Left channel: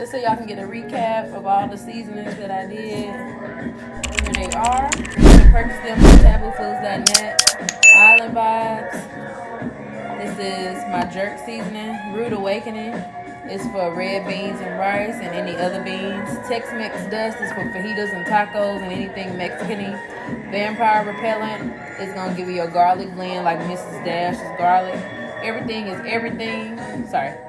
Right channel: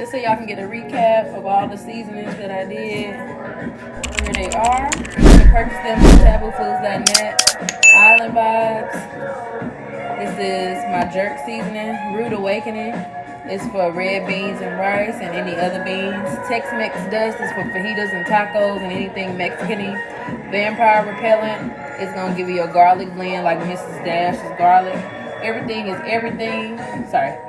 just so y'all can get a recap of all the seasonings that I did. Here they are. You can purchase them on taboofoodz.net. Island Vibes. This is my jerk seasoning. Rude Awakening is for red beans and rice and any other beans. Tex-Mex Dust is for fajitas and tacos and anything Mexican-y. Vampire Repellent is going to give you a garlic blend like Mrs. Dash's garlic. Everything is everything.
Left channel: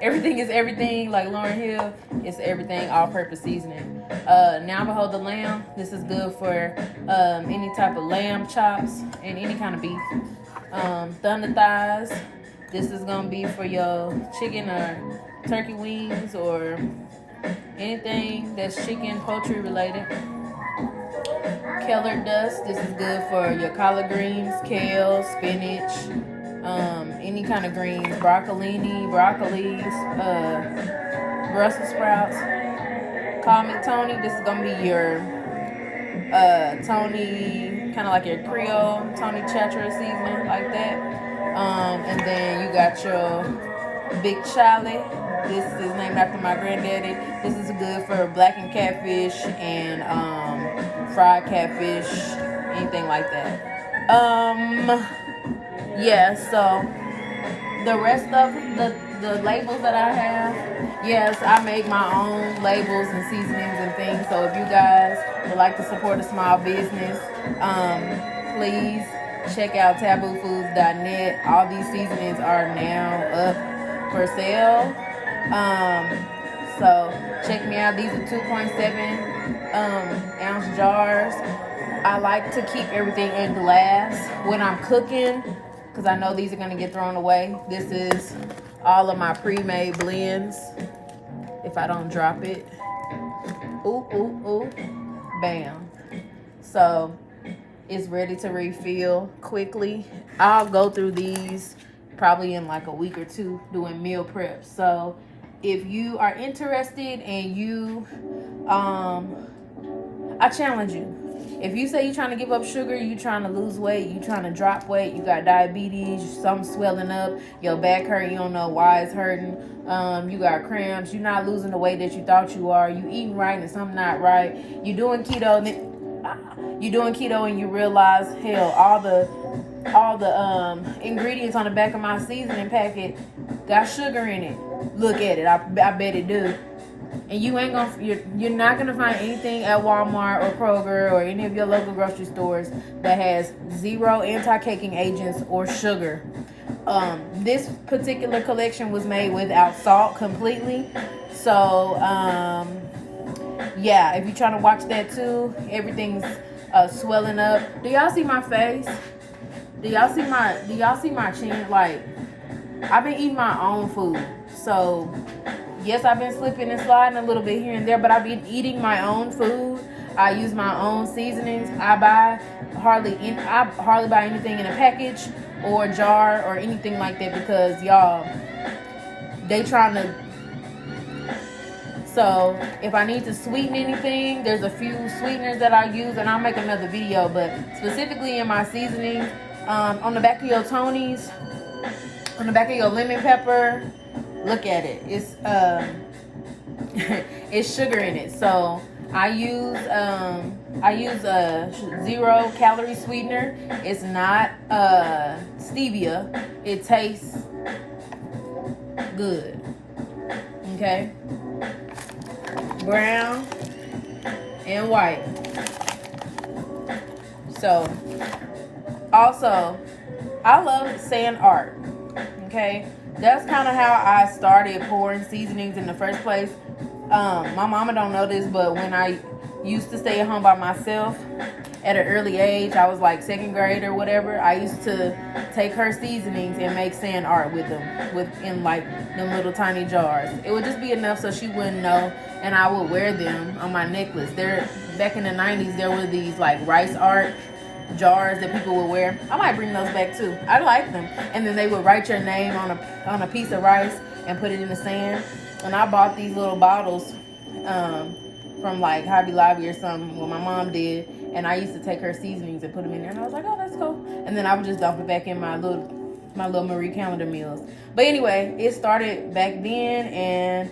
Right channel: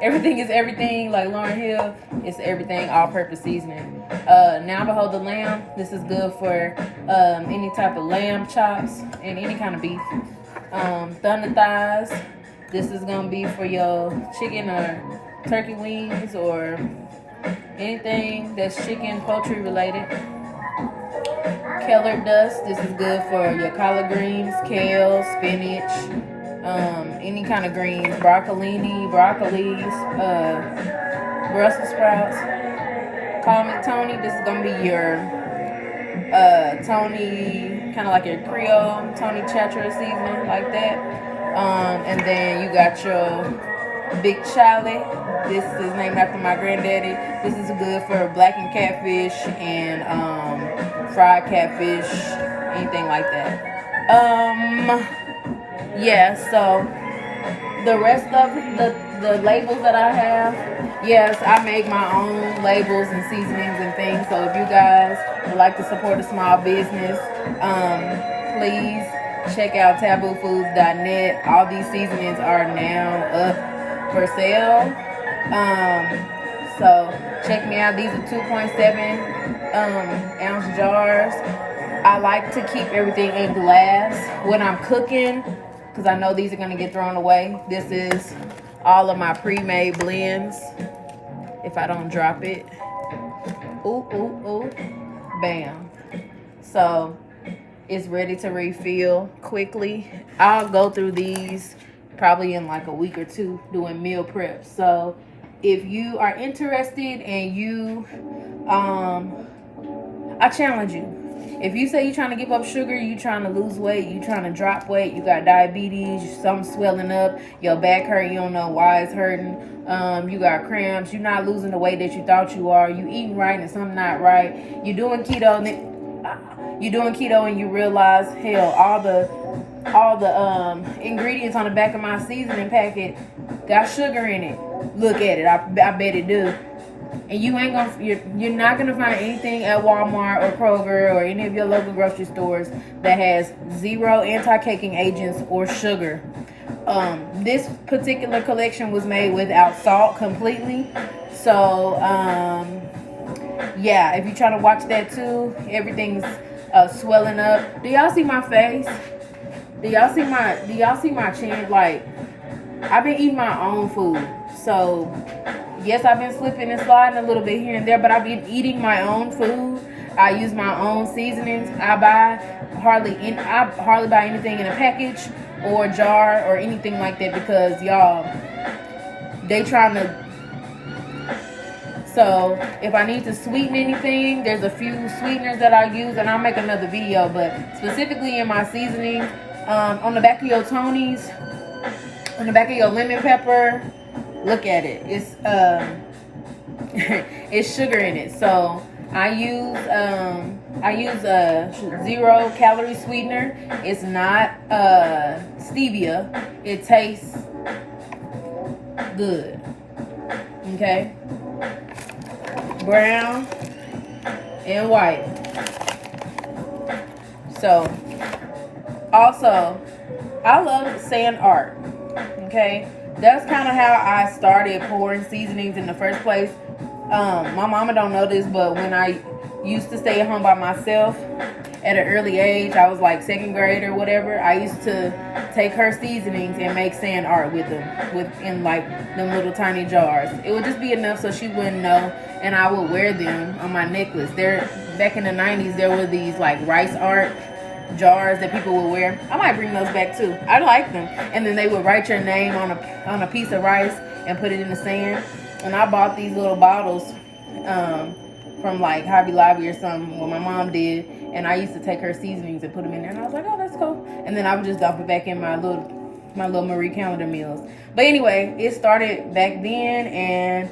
Everything is everything like Lauryn Hill. It's everything all-purpose seasoning. Now Behold the Lamb. This is good for any type of lamb chops and any kind of beef. Thunder Thighs. This is going to be for your chicken or turkey wings or anything that's chicken, poultry related. Keller Dust. This is good for your collard greens, kale, spinach, any kind of greens, broccolis, Brussels sprouts. Call me Tony. This is gonna be your Tony, kind of like your Creole Tony Chatra seasoning like that. And then you got your Big Shawty. This is named after my granddaddy. This is good for blackened catfish and fried catfish, anything like that. Yeah, so the rest of the labels that I have, yes, I make my own labels and seasonings and things. So if you guys would like to support a small business, please check out taboofoodz.net. All these seasonings are now up for sale. So check me out. These are 2.7 ounce jars. I like to keep everything in glass when I'm cooking, because I know these are going to get thrown away. This is all of my pre-made blends. If I don't drop it. Ooh, ooh, ooh. Bam. So, it's ready to refill quickly. I'll go through these probably in like a week or two doing meal prep. So, if you are interested and you, I challenge you. If you say you're trying to give up sugar, you're trying to lose weight, you're trying to drop weight, you got diabetes, something swelling up, your back hurt, you don't know why it's hurting, you got cramps, you're not losing the weight that you thought you are, you eating right and something not right, you're doing keto and you realize, hell, all the ingredients on the back of my seasoning packet got sugar in it. Look at it, I bet it do. And you're not gonna find anything at Walmart or Kroger or any of your local grocery stores that has zero anti-caking agents or sugar. This particular collection was made without salt completely. So yeah, if you're trying to watch that too, everything's swelling up. Do y'all see my face? Do y'all see my chin? Like, I've been eating my own food. So yes, I've been slipping and sliding a little bit here and there, but I've been eating my own food. I use my own seasonings. I hardly buy anything in a package or a jar or anything like that, because y'all, they trying to. So if I need to sweeten anything, there's a few sweeteners that I use, and I'll make another video. But specifically in my seasonings, on the back of your Tony's, on the back of your lemon pepper. Look at it. It's it's sugar in it. So I use a 0 calorie sweetener. It's not stevia. It tastes good. Okay. Brown and white. So also, I love sand art. Okay. That's kind of how I started pouring seasonings in the first place. My mama don't know this, but when I used to stay at home by myself at an early age, I was like second grade or whatever, I used to take her seasonings and make sand art with them, in like them little tiny jars. It would just be enough so she wouldn't know, and I would wear them on my necklace. Back in the 90s, there were these like rice art jars that people would wear. I might bring those back too. I like them. And then they would write your name on a piece of rice and put it in the sand. And I bought these little bottles from like Hobby Lobby or something, what my mom did, and I used to take her seasonings and put them in there, and I was like, oh, that's cool. And then I would just dump it back in my little Marie Calendar meals. But anyway, it started back then, and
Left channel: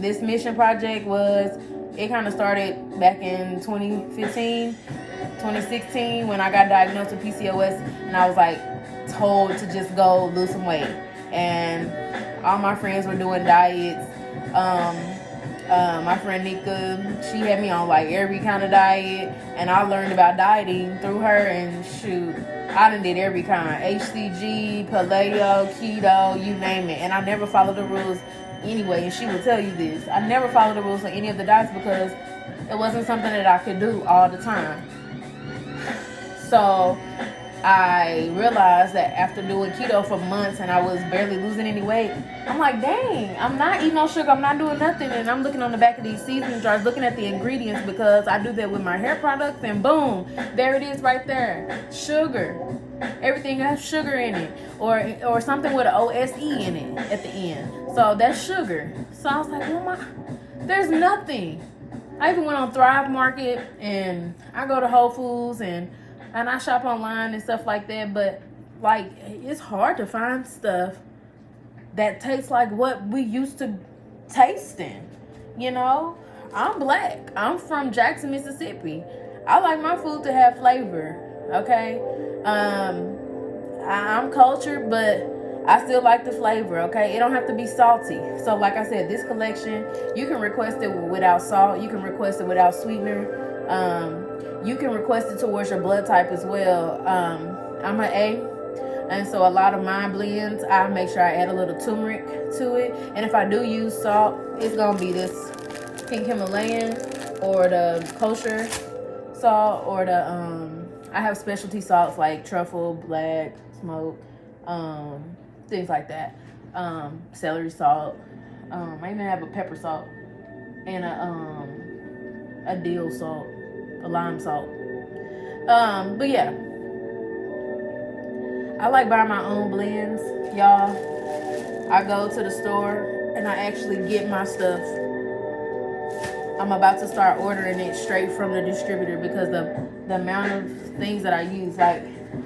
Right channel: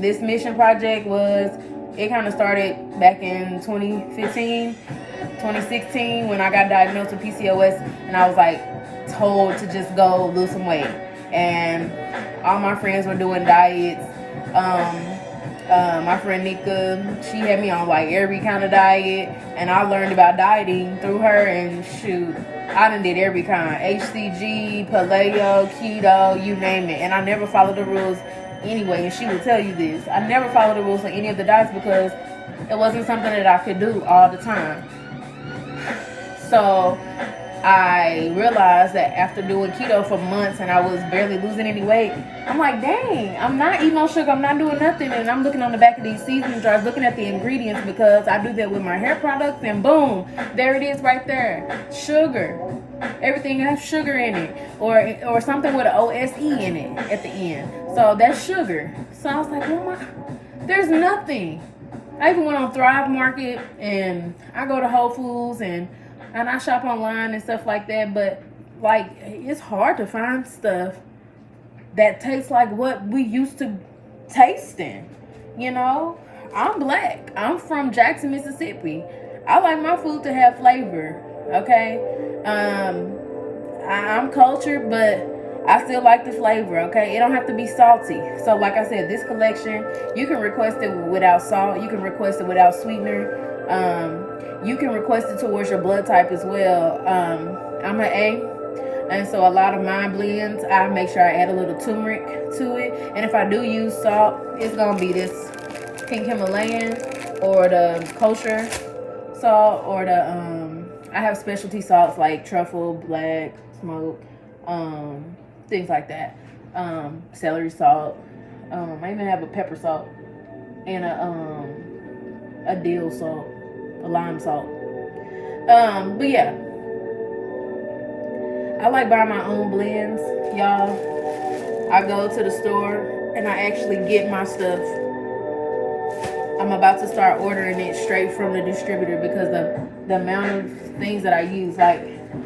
this mission project it kind of started back in 2015, 2016 when I got diagnosed with PCOS, and I was like told to just go lose some weight. And all my friends were doing diets. My friend Nika, she had me on like every kind of diet, and I learned about dieting through her. And shoot, I done did every kind: HCG, paleo, keto, you name it. And I never followed the rules anyway. And she will tell you this: I never followed the rules on any of the diets because it wasn't something that I could do all the time. So I realized that after doing keto for months and I was barely losing any weight, I'm like, dang, I'm not eating no sugar, I'm not doing nothing. And I'm looking on the back of these seasoning jars, looking at the ingredients, because I do that with my hair products, and boom, there it is right there. Sugar. Everything has sugar in it, or something with an OSE in it at the end. So that's sugar. So I was like, there's nothing. I even went on Thrive Market, and I go to Whole Foods, and I shop online and stuff like that, but like it's hard to find stuff that tastes like what we used to tasting. You know, I'm black. I'm from Jackson, Mississippi. I like my food to have flavor. Okay, I'm cultured, but I still like the flavor. Okay, it don't have to be salty. So, like I said, this collection, you can request it without salt. You can request it without sweetener. You can request it towards your blood type as well. I'm an A, and so a lot of my blends, I make sure I add a little turmeric to it. And if I do use salt, it's gonna be this pink Himalayan or the kosher salt, or I have specialty salts like truffle, black, smoke, things like that. Celery salt. I even have a pepper salt and a dill salt. A lime salt. But yeah, I like buying my own blends, y'all. I go to the store and I actually get my stuff. I'm about to start ordering it straight from the distributor because the amount of things that I use. Like,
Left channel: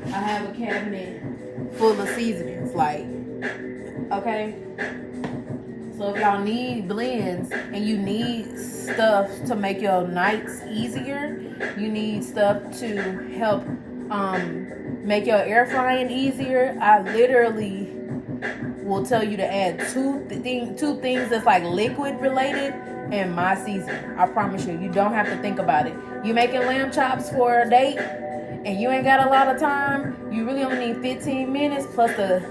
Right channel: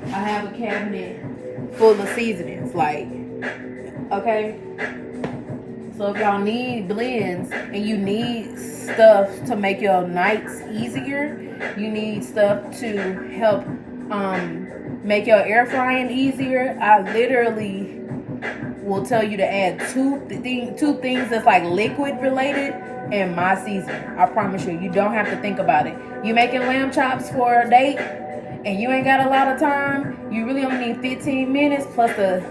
I have a cabinet full of seasonings. Like, okay. So if y'all need blends and you need stuff to make your nights easier, you need stuff to help make your air frying easier, I literally will tell you to add two things that's like liquid related and my seasoning. I promise you, you don't have to think about it. You making lamb chops for a date and you ain't got a lot of time, you really only need 15 minutes plus the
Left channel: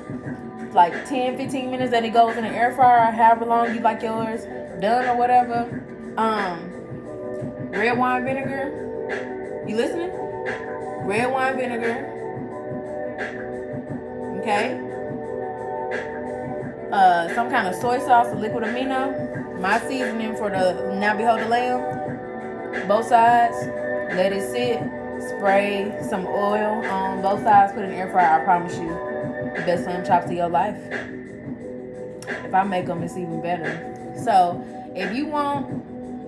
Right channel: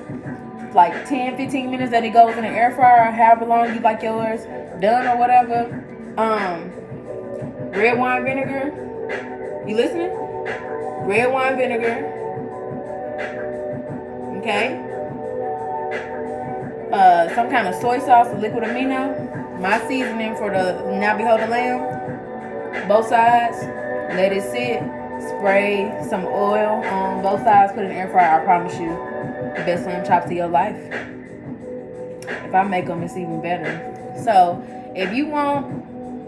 like 10-15 minutes that it goes in the air fryer, however long you like yours done or whatever. Red wine vinegar. You listening? Red wine vinegar. Okay. Some kind of soy sauce, a liquid amino. My seasoning for the Now Behold the Lamb. Both sides. Let it sit. Spray some oil on both sides. Put it in the air fryer. I promise you, the best lamb chops of your life. If I make them, it's even better. So, if you want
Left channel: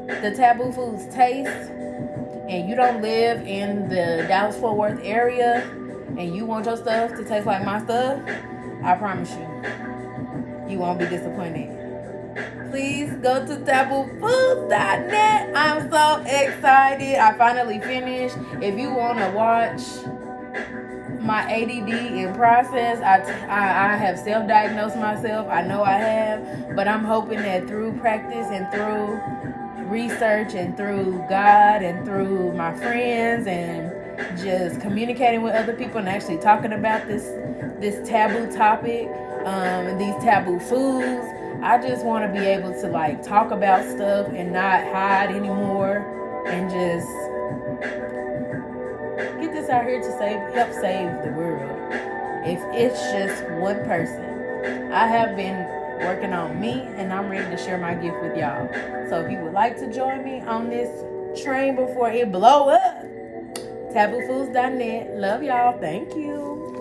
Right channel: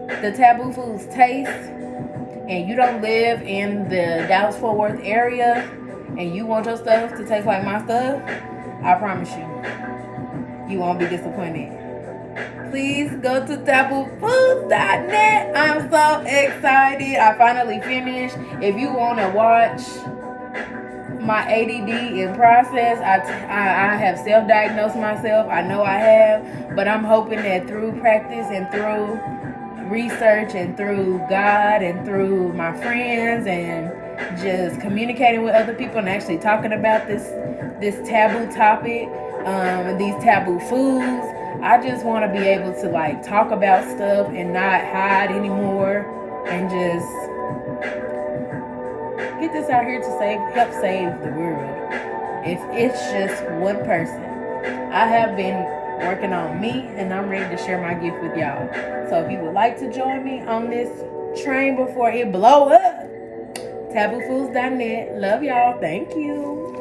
the Taboo Foodz taste, and you don't live in the Dallas-Fort Worth area, and you want your stuff to taste like my stuff, I promise you won't be disappointed. Please go to taboofoodz.net. I'm so excited. I finally finished. If you want to watch my ADD in process, I have self-diagnosed myself. I know I have, but I'm hoping that through practice and through research and through God and through my friends and just communicating with other people and actually talking about this taboo topic and these taboo foods, I just want to be able to like talk about stuff and not hide anymore and just get this out here to help save the world. If it's just one person. I have been working on me and I'm ready to share my gift with y'all. So if you would like to join me on this train before it blow up, taboofoodz.net. Love y'all. Thank you.